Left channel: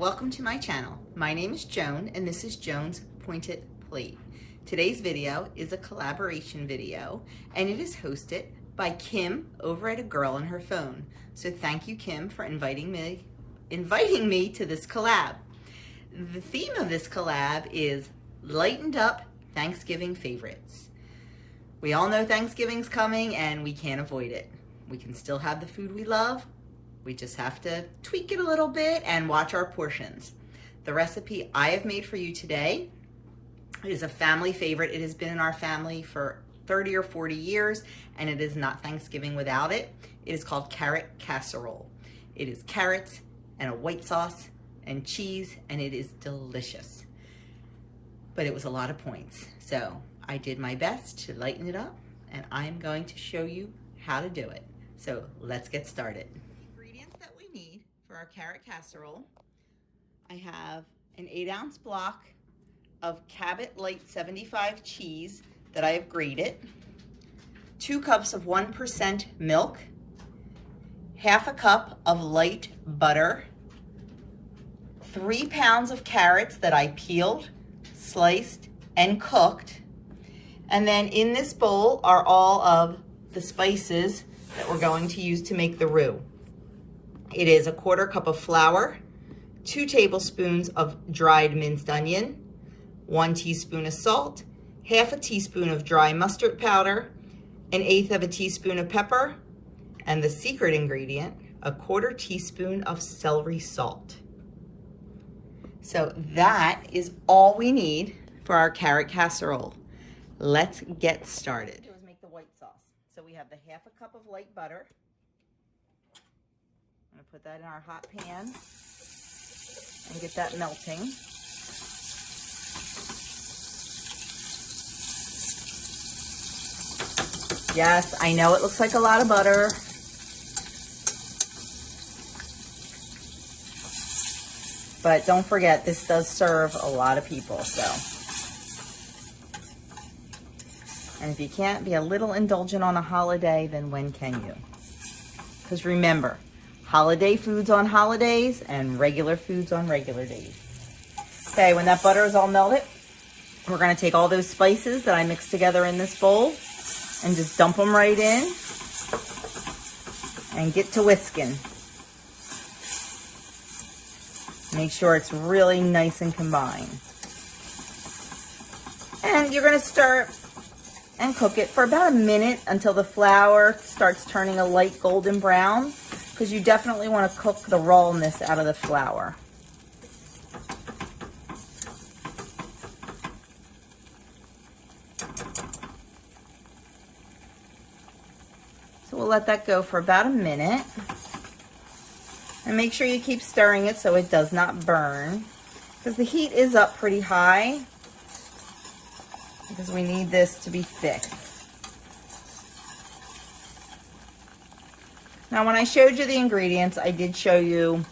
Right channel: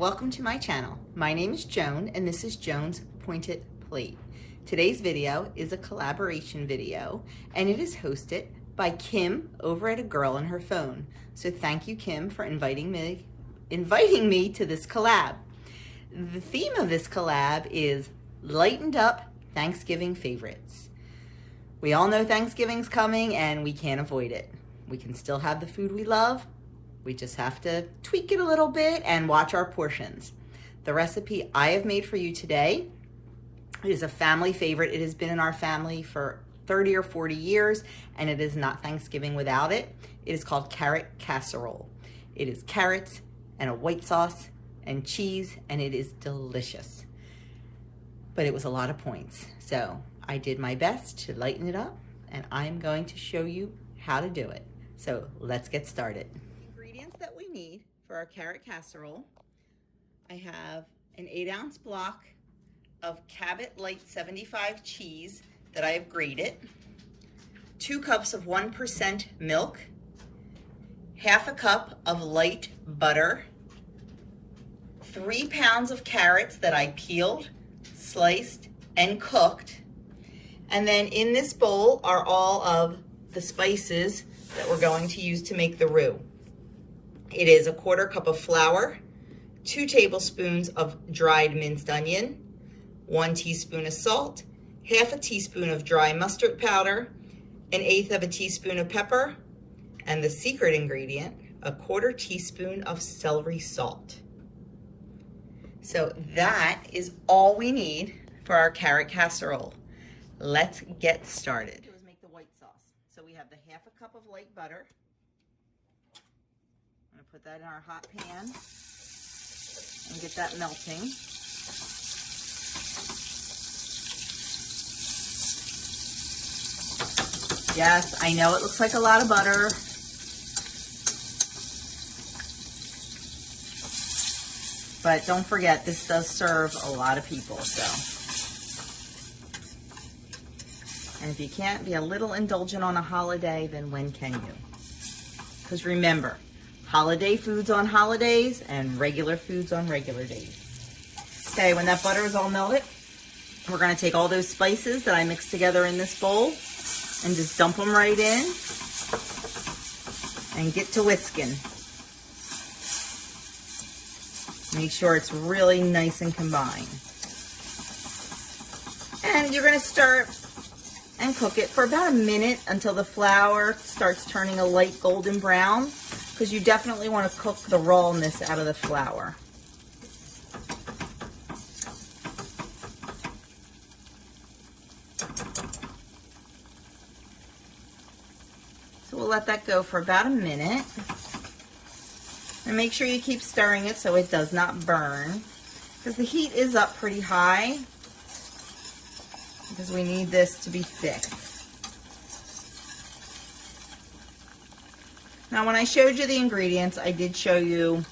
welcome to my channel. My name is Joan and this is Joan's Pointed Plate. Today's video is a collaboration video and it is hosted by Kim over at A Girl and Her Phone. So thank you, Kim, for inviting me to this collab. The theme of this collab is lightened up Thanksgiving favorites. We all know Thanksgiving's coming and we can't avoid it. We can still have the food we love. We just have to tweak it a little bit and watch our portions. The recipe I have made for you today is a family favorite. It has been in our family for 30 or 40 years and it is not Thanksgiving without it. It is called carrot casserole. It is carrots and a white sauce and cheese and it is delicious. But it was a lot of points. So I did my best to lighten it up and I'm going to show you how to do it. So let's get started. That we need for our carrot casserole, I have an 8-ounce block of Cabot Light 75 cheese that I have grated, 2 cups of 1% milk, half a cup of light butter, 3 pounds of carrots that I peeled, sliced, and cooked. And then in this bowl are all of the spices that we're going to use to make the roux. It is a 1/4 cup of flour, 2 tablespoons of dried minced onion, 1 teaspoon of salt, half a teaspoon of dry mustard powder, 1/8 of a teaspoon of pepper, and the secret ingredient, a 1/4 teaspoon of celery salt. So that is all we need for our carrot casserole. Let's get started. Let's make the white sauce. So we have the half a cup of light butter. I'm going to put that in our hot pan and get that melting. Yes, I know it looks like a lot of butter. But don't forget, this does serve a lot of people, so. And if you can't be a little indulgent on a holiday, then when can you? Because remember, holiday foods on holidays and regular foods on regular days. Okay, when that butter is all melted, we're going to take all those spices that I mixed together in this bowl and just dump them right in and get to whisking. Make sure it's really nice and combined. And you're going to start and cook it for about a minute until the flour starts turning a light golden brown, because you definitely want to cook the rawness out of the flour. So we'll let that go for about a minute. And make sure you keep stirring it so it does not burn, because the heat is up pretty high, because we need this to be thick. Now, when I showed you the ingredients, I did show you,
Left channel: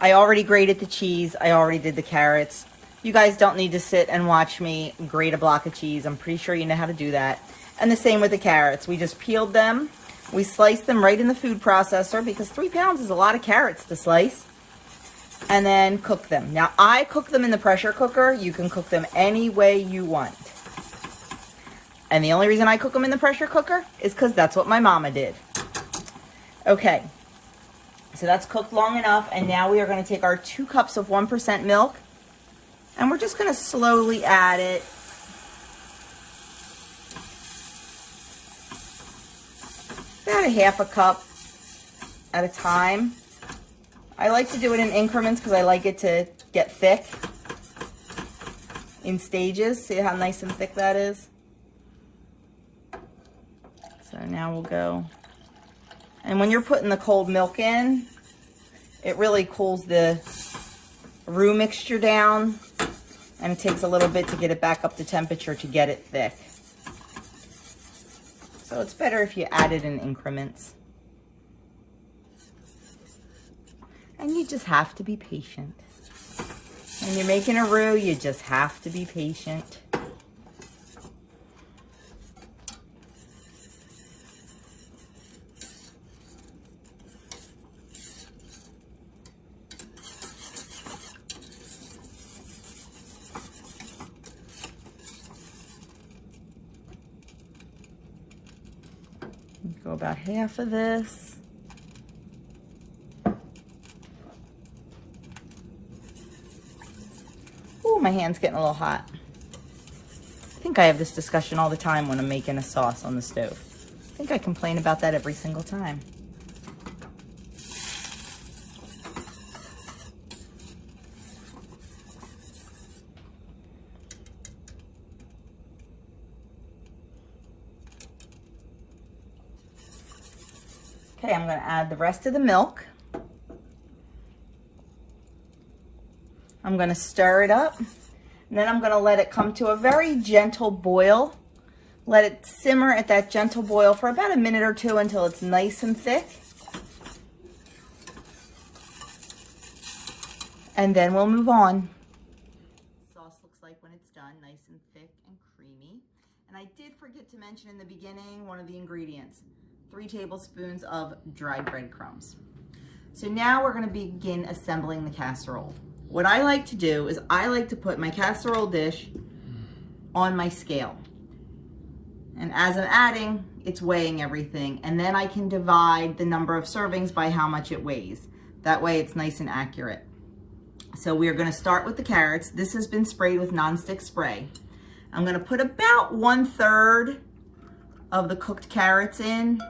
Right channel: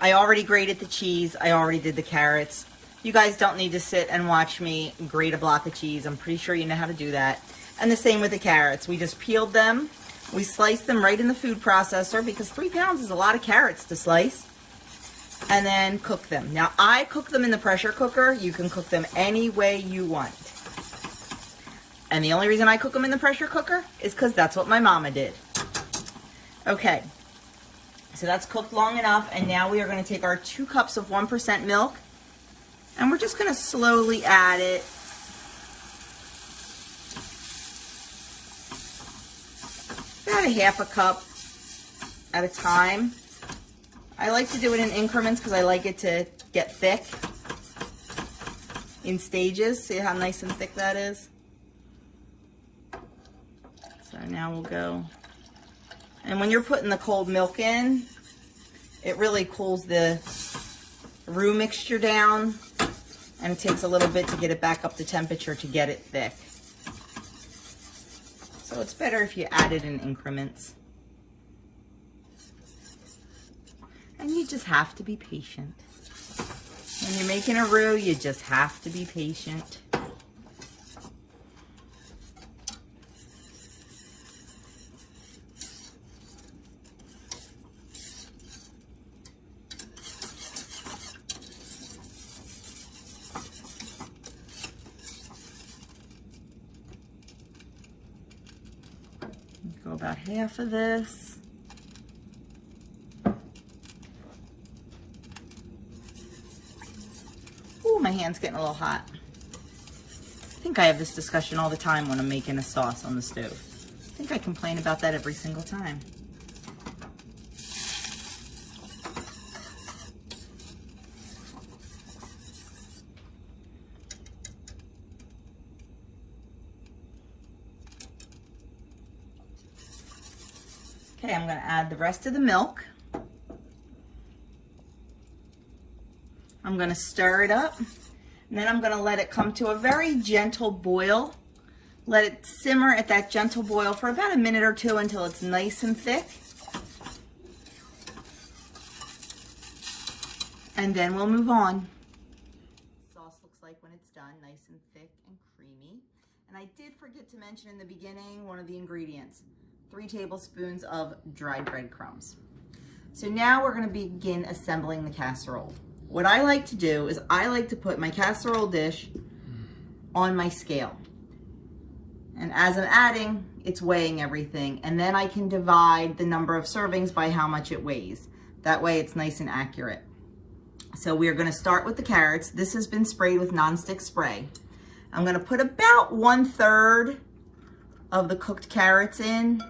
I already grated the cheese, I already did the carrots. You guys don't need to sit and watch me grate a block of cheese. I'm pretty sure you know how to do that. And the same with the carrots. We just peeled them, we sliced them right in the food processor, because 3 pounds is a lot of carrots to slice, and then cook them. Now, I cook them in the pressure cooker. You can cook them any way you want. And the only reason I cook them in the pressure cooker is because that's what my mama did. Okay, so that's cooked long enough, and now we are going to take our 2 cups of 1% milk, and we're just going to slowly add it. About a half a cup at a time. I like to do it in increments because I like it to get thick in stages. See how nice and thick that is? So now we'll go. And when you're putting the cold milk in, it really cools the roux mixture down, and it takes a little bit to get it back up to temperature to get it thick. So it's better if you add it in increments. And you just have to be patient. When you're making a roux, you just have to be patient. go about half of this. Ooh, my hand's getting a little hot. I think I have this discussion all the time when I'm making a sauce on the stove. I think I complain about that every single time. Okay, I'm going to add the rest of the milk. I'm going to stir it up, and then I'm going to let it come to a very gentle boil. Let it simmer at that gentle boil for about a minute or two until it's nice and thick. And then we'll move on. Sauce looks like when it's done, nice and thick and creamy. And I did forget to mention in the beginning one of the ingredients. 3 tablespoons of dried breadcrumbs. So now we're going to begin assembling the casserole. What I like to do is I like to put my casserole dish on my scale. And as I'm adding, it's weighing everything. And then I can divide the number of servings by how much it weighs. That way it's nice and accurate. So we're going to start with the carrots. This has been sprayed with nonstick spray. I'm going to put about 1/3 of the cooked carrots in,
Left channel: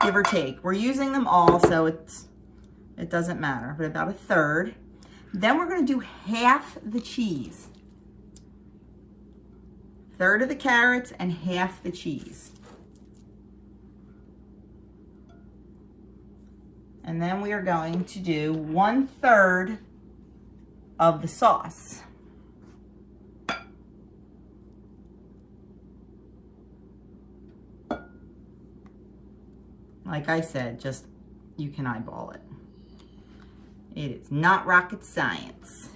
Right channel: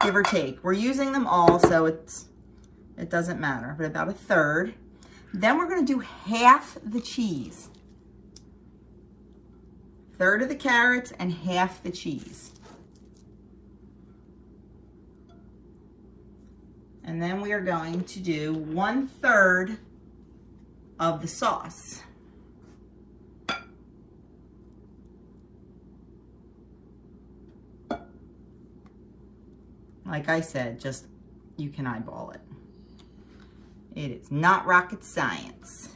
give or take. We're using them all, so it doesn't matter, but about 1/3. Then we're going to do half the cheese. 1/3 of the carrots and half the cheese. And then we are going to do 1/3 of the sauce. Like I said, just, you can eyeball it. It is not rocket science.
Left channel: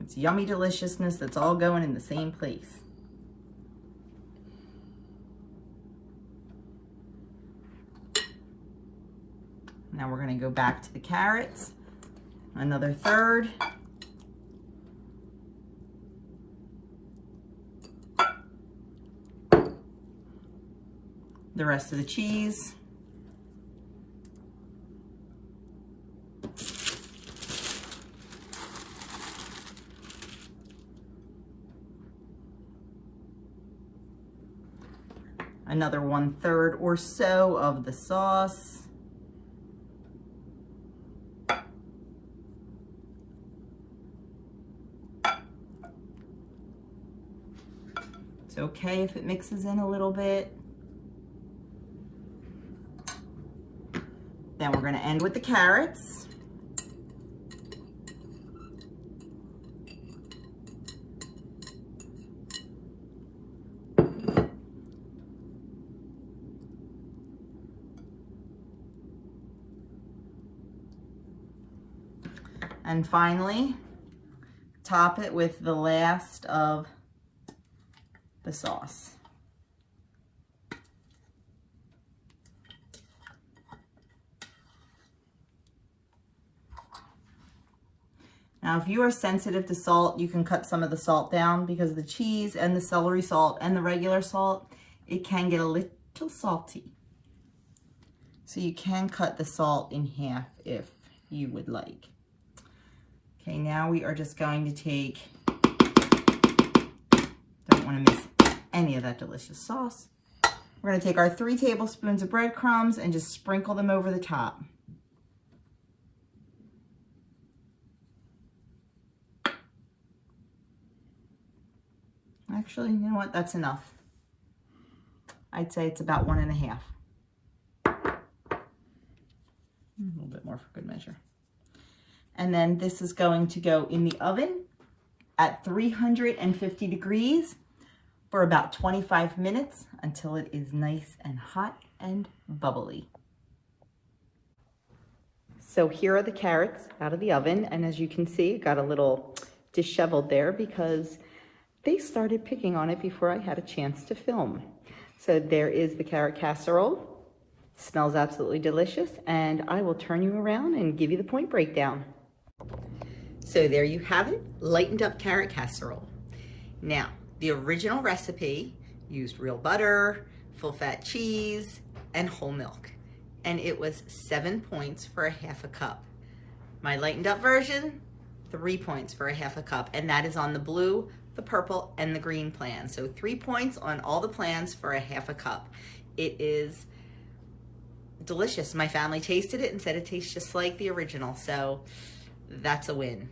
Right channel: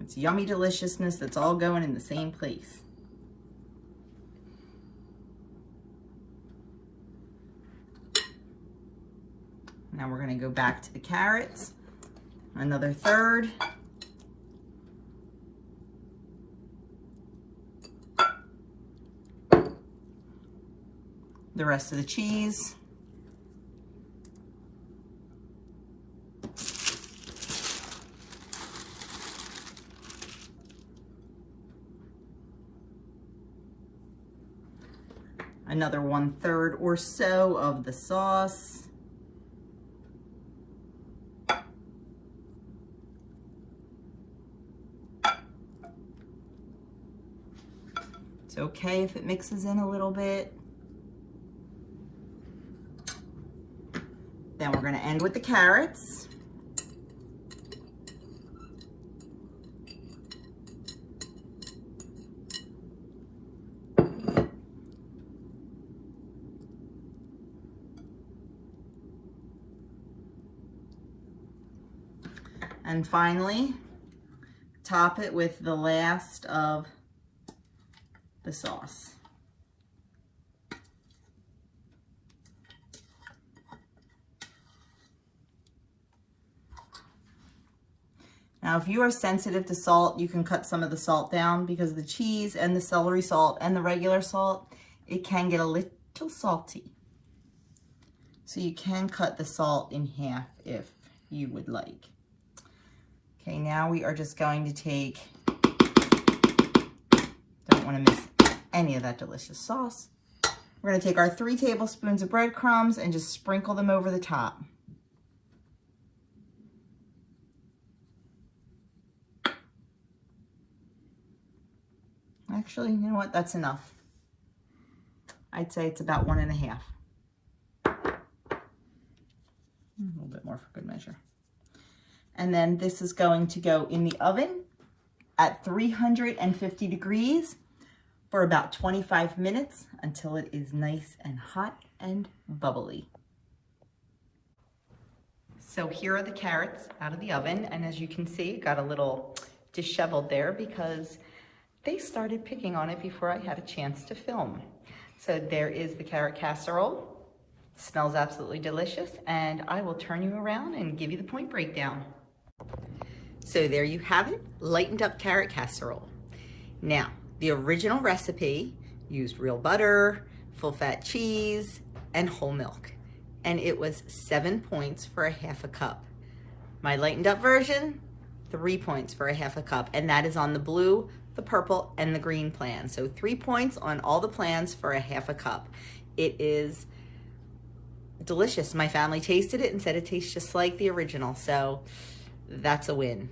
It's yummy deliciousness that's all going in the same place. Now we're going to go back to the carrots. Another 1/3. The rest of the cheese. Another 1/3 or so of the sauce. It's okay if it mixes in a little bit. Then we're going to end with the carrots. And finally, top it with the last of the sauce. Now, if you are sensitive to salt, you can cut some of the salt down, because the cheese and the celery salt and the regular salt, it can get a little salty. So you can cut the salt in half if you would like. Okay, now we are just going to take, don't want to miss any of that delicious sauce. We're going to take our 3 tablespoons of breadcrumbs and just sprinkle them over the top. Actually, you know what? That's enough. I'd say it's about 1 1/2. A little bit more for good measure. And then this is going to go in the oven at 350 degrees for about 25 minutes until it is nice and hot and bubbly. So here are the carrots out of the oven, and as you can see, it got a little disheveled there because they started picking on it before I had a chance to film. So there is the carrot casserole. Smells absolutely delicious, and I will turn you around and give you the point breakdown. So there you have it, lightened up carrot casserole. Now, the original recipe used real butter, full fat cheese, and whole milk. And it was 7 points for a half a cup. My lightened up version, 3 points for a half a cup. And that is on the blue, the purple, and the green plan. So 3 points on all the plans for a half a cup. It is delicious. My family tasted it and said it tastes just like the original. So that's a win.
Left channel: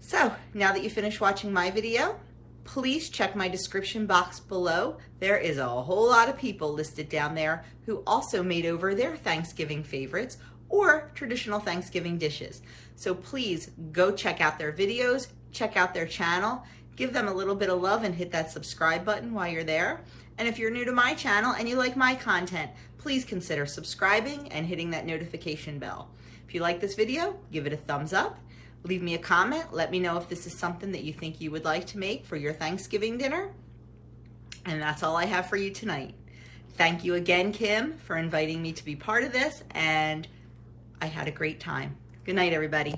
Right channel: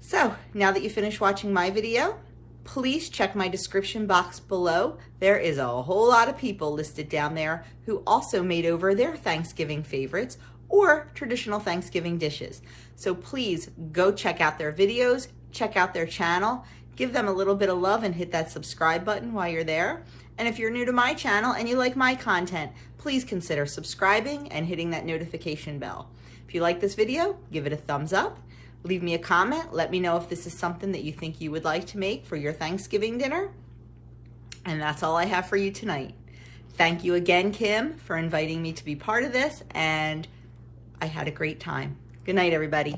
So now that you finished watching my video, please check my description box below. There is a whole lot of people listed down there who also made over their Thanksgiving favorites or traditional Thanksgiving dishes. So please go check out their videos, check out their channel, give them a little bit of love and hit that subscribe button while you're there. And if you're new to my channel and you like my content, please consider subscribing and hitting that notification bell. If you like this video, give it a thumbs up. Leave me a comment. Let me know if this is something that you think you would like to make for your Thanksgiving dinner. And that's all I have for you tonight. Thank you again, Kim, for inviting me to be part of this, and I had a great time. Good night, everybody.